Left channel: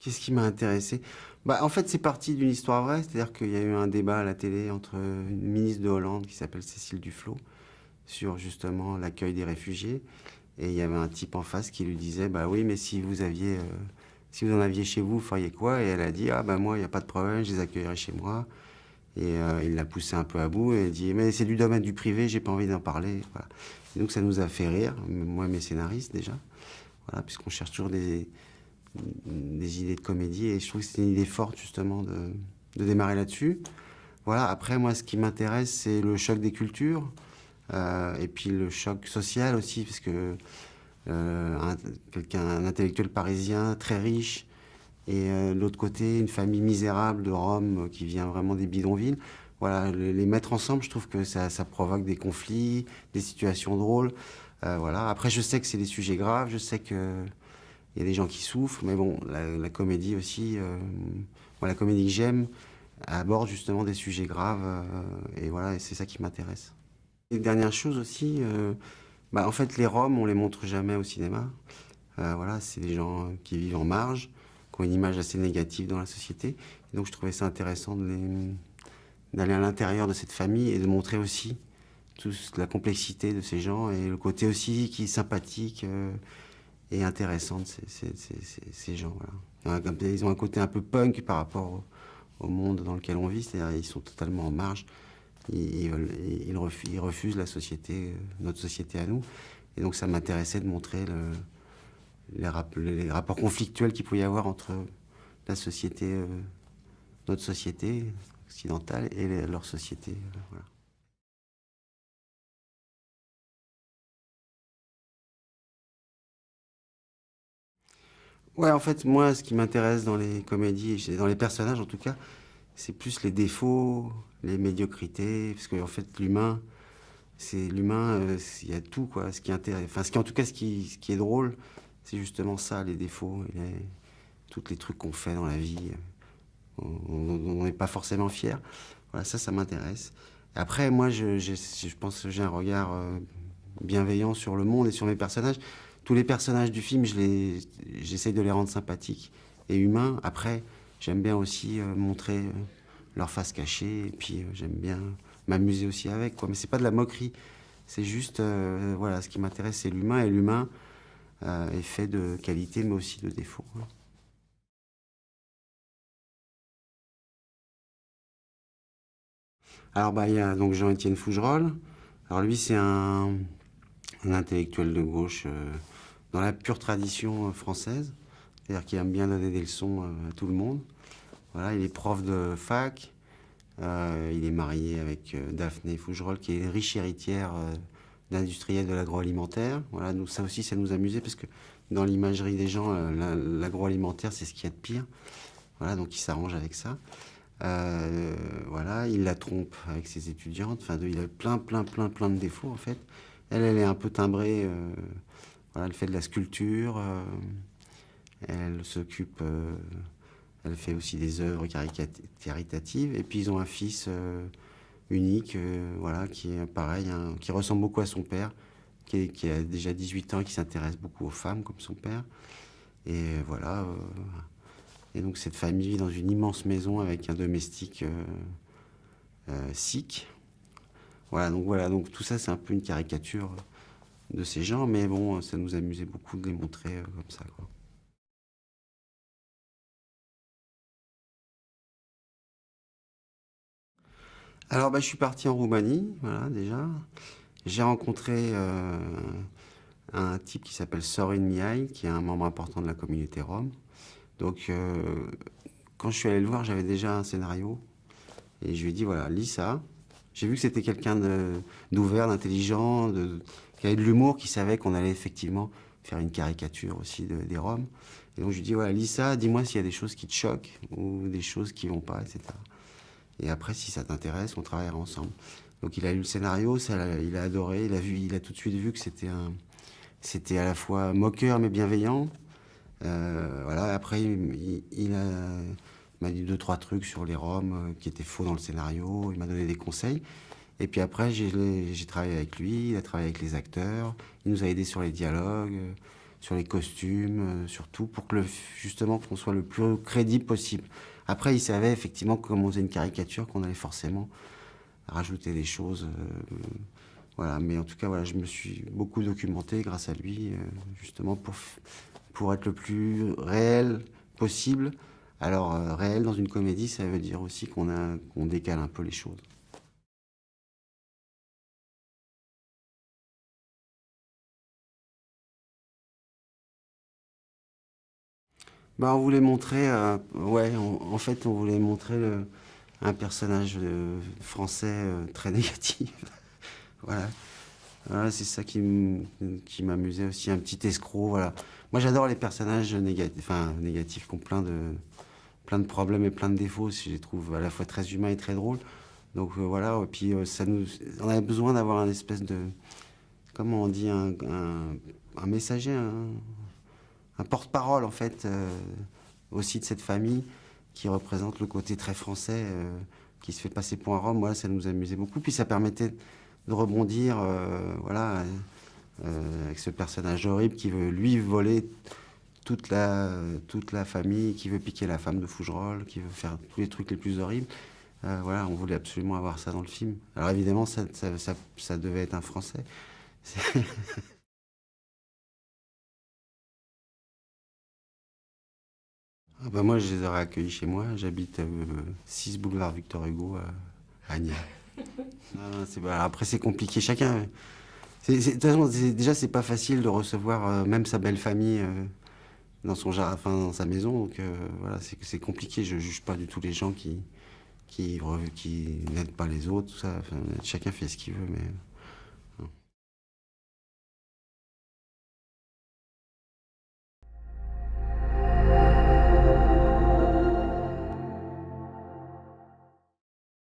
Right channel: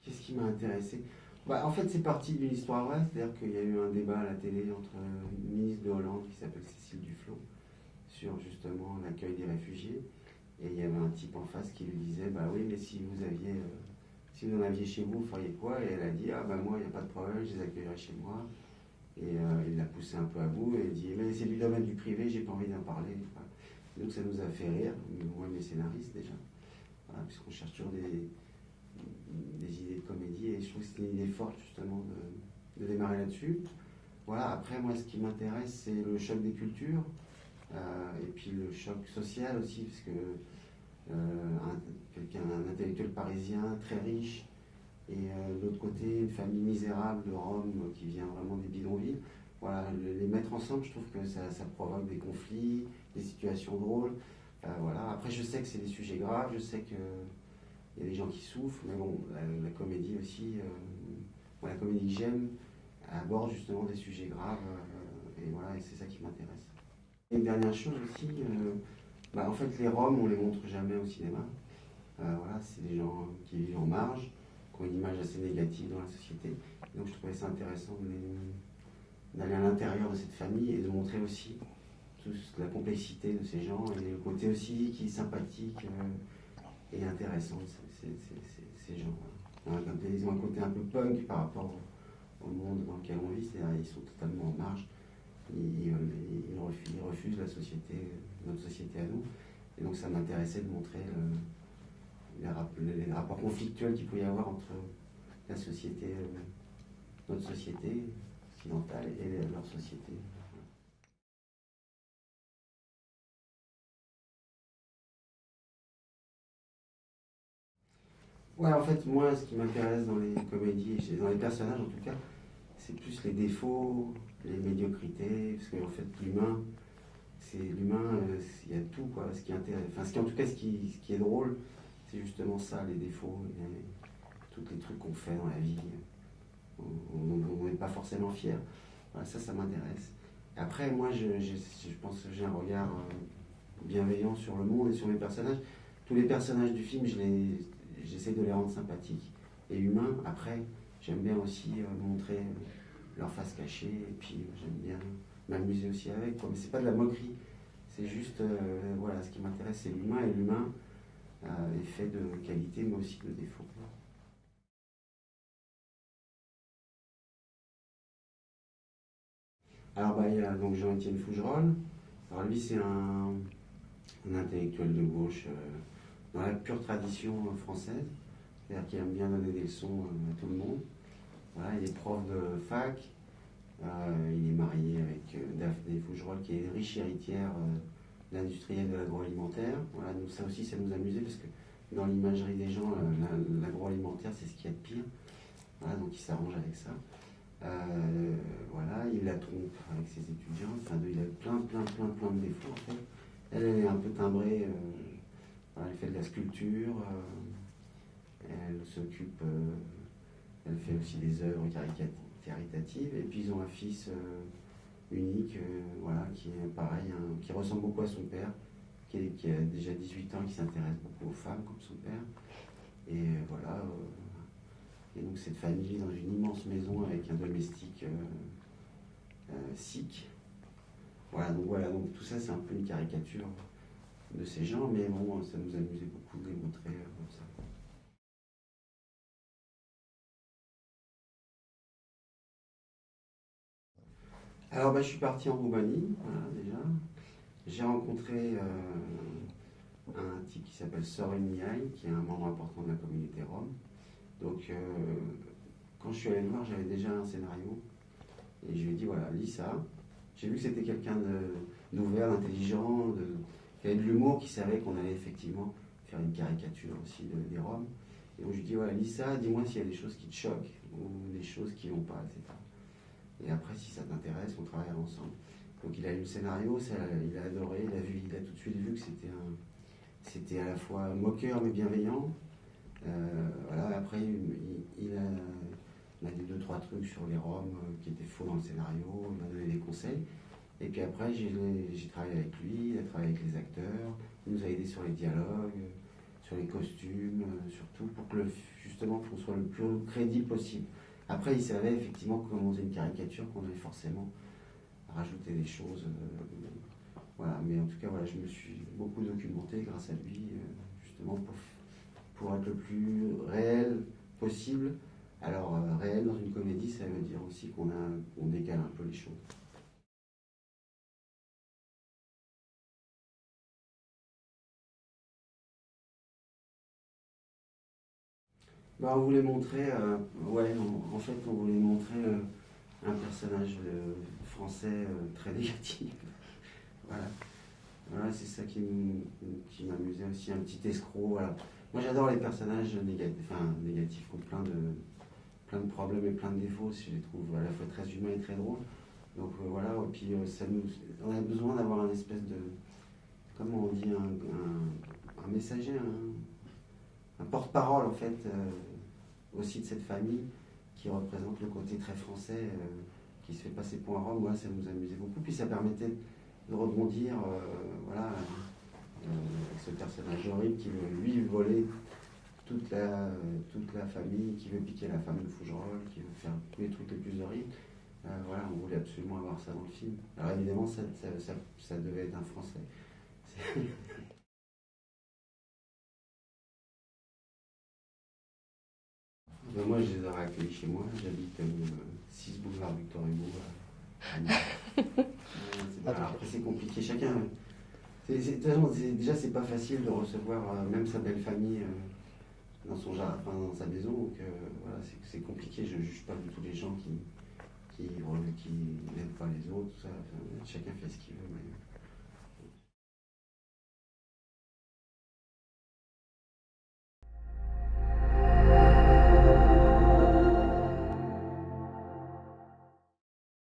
Qu'est-ce qui m'a intéressé? En fait, c'est parti d'une histoire vraie, c'est-à-dire qu'il y a eu un débat à la télé entre une ministre de Hollande qui s'appelle Cécile Duflot sur justement l'accueil des réfugiés. Et il y avait un type en face qui lui disait, bah oui, mais si vous en aviez chez vous, vous feriez quoi? Et elle a dit, ah bah moi, il n'y a pas de problème, je les accueillerai chez moi. Et il l'a poussé un peu à bout et il dit, mais c'est du domaine du privé, j'ai pas envie d'en parler. Voilà. Et donc ça nous a fait rire, moi et mes scénaristes déjà, voilà, puisqu'on cherche toujours des idées de comédie et je trouve que c'était une idée forte justement de démarrer là-dessus. Voilà, après moi ce qui m'intéresse c'est le choc des cultures et puis le choc social aussi parce que un intellectuel parisien très riche et de l'autre côté une famille misérable de Rome qui vient vraiment des bidonvilles. Voilà, les mettre ensemble, je trouve que ça provoque des conflits, des situations drôles. Voilà. Après, je sais que c'est des sujets graves, je sais que il y a des gens qui souffrent, mais bon, la comédie aussi, moi, la comédie que j'aime aborde justement des sujets graves, et voilà, et c'est ça qui m'intéresse. Et dernière chose aussi, en fait, les Roms, on les montre jamais au cinéma. Voilà, c'est des gens qui vivent en marge, qui ont une image assez négative dans la société. Donc je trouvais ça intéressant d'aller à l'intérieur de cette famille et de montrer aussi toute la complexité de ces gens et le côté aussi qui est sympathique et intéressant de ces gens. Voilà. Ils ont un côté un peu punk par rapport au monde dans lequel on vit, c'est-à-dire ils sont totalement en marge, ils refusent la société, notre société à nous. Et donc ça m'intéressait de montrer les rapports conflictuels qu'il pouvait y avoir entre la société, notre société occidentale et leur société. Voilà. Ouais, en fait, moi, ce qui m'intéresse dans les comédies, dans les personnages en tout cas, c'est plus les défauts, les médiocrités, parce qu'en fait, l'humain, il y a tout, quoi. Ce qui intéresse, enfin, en tout cas, ce qui est drôle, c'est justement ça, les défauts, tous les trucs qu'on fait dans la vie, dont on n'est pas forcément fier. Voilà, ça m'intéresse. Après, moi, je pense que j'ai un regard bienveillant sur le monde et sur mes personnages. Tous les personnages du film, j'essaye de les rendre sympathiques et humains. Après, j'aime bien aussi montrer leur face cachée et puis j'aime bien m'amuser aussi avec, quoi. Mais c'est pas de la moquerie, c'est juste, voilà, ce qui m'intéresse, c'est l'humain et l'humain est fait de qualité mais aussi de défauts. Alors, il y a donc Jean-Étienne Fougerolles. Alors, lui, c'est un intellectuel de gauche dans la pure tradition française, c'est-à-dire qu'il aime bien donner des leçons à tout le monde. Voilà, il est prof de fac, il est marié avec Daphné Fougerolles, qui est riche héritière d'industriels de l'agroalimentaire. Voilà, nous, ça aussi, ça nous amusait parce que dans l'imagerie des gens, l'agroalimentaire, c'est ce qu'il y a de pire. Voilà, donc il s'arrange avec ça. Voilà, il la trompe avec ses étudiantes. Enfin, il a plein de défauts en fait. Elle est un peu timbrée. Voilà, elle fait de la sculpture. Elle s'occupe. Elle fait aussi des œuvres caritatives. Et puis ils ont un fils unique, voilà, qui est pareil, hein, qui ressemble beaucoup à son père, qui a déjà 18 ans et qui s'intéresse beaucoup aux femmes comme son père. Et voilà. Et donc cette famille vit dans une immense maison avec un domestique sikh. Voilà, donc tout ça c'est un peu une caricature de ces gens, mais bon, ça nous amusait beaucoup de les montrer comme ça, quoi. Alors je suis parti en Roumanie, voilà déjà. J'ai rencontré un type qui s'appelle Sorin Mihai, qui est un membre important de la communauté rome. Donc quand je suis allé le voir, j'avais déjà un scénario et je lui ai dit voilà, lis ça. J'ai vu que c'était quelqu'un d'ouvert, d'intelligent, qui avait de l'humour, qui savait qu'on allait effectivement faire une caricature aussi des Roms. Et donc je lui dis voilà, lis ça, dis-moi s'il y a des choses qui te choquent ou des choses qui vont pas, etc. Et après, si ça t'intéresse, on travaillera ensemble. Donc il a lu le scénario, il a adoré, il a tout de suite vu que c'était à la fois moqueur mais bienveillant. Voilà, après m'a dit deux trois trucs sur les Roms qui étaient faux dans le scénario. Il m'a donné des conseils. Et puis après, j'ai travaillé avec lui, il a travaillé avec les acteurs, il nous a aidés sur les dialogues. sur les costumes, sur tout, pour que justement qu'on soit le plus crédible possible. Après, il savait effectivement que comme on faisait une caricature, qu'on allait forcément rajouter des choses. Voilà, mais en tout cas, voilà, je me suis beaucoup documenté grâce à lui, justement pour être le plus réel possible. Alors, réel dans une comédie, ça veut dire aussi qu'on décale un peu les choses. Bah, on voulait montrer, ouais, en fait, on voulait montrer un personnage français très négatif. Voilà. Voilà, c'est ça qui m'amusait aussi, un petit escroc, voilà. Moi j'adore les personnages négatifs qui ont plein de problèmes et plein de défauts, je les trouve à la fois très humains et très drôles. Donc voilà, et puis on avait besoin d'avoir un espèce de, comment on dit, un messager, un porte-parole en fait, aussi de cette famille qui représente le côté très français, qui se fait passer pour un Rome. Voilà, ça nous amusait beaucoup, puis ça permettait de rebondir, voilà, avec ce personnage horrible qui veut lui voler toute la famille, qui veut piquer la femme de Fougerolles, qui veut faire tous les trucs les plus horribles. Voilà, on voulait absolument avoir ça dans le film. Alors évidemment, ça devait être un Français. Ah bah moi, je les aurais accueillis chez moi. J'habite 6 boulevard Victor Hugo à Agny. Après, c'est compliqué. Chacun. De toute façon, déjà, c'est pas facile de recevoir même sa belle famille dans son jardin, enfin, dans sa maison. Donc voilà, c'est compliqué. Je juge pas du tout les gens qui n'aident pas les autres. Tout ça. Enfin, chacun fait ce qu'il veut, mais